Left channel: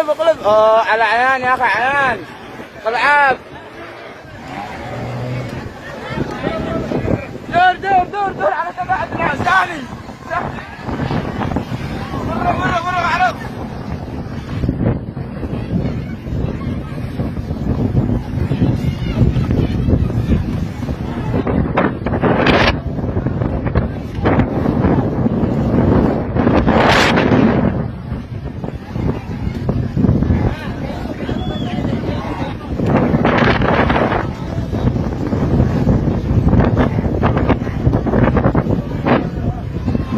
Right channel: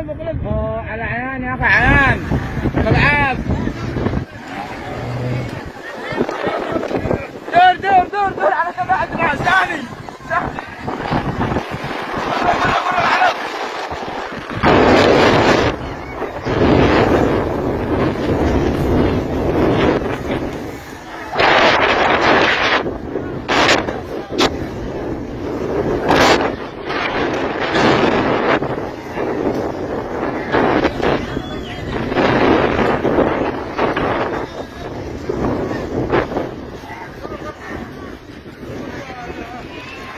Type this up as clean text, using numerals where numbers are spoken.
اقلب على عيان يا اخي عيان. العاب دور على كذا عندنا ثاني.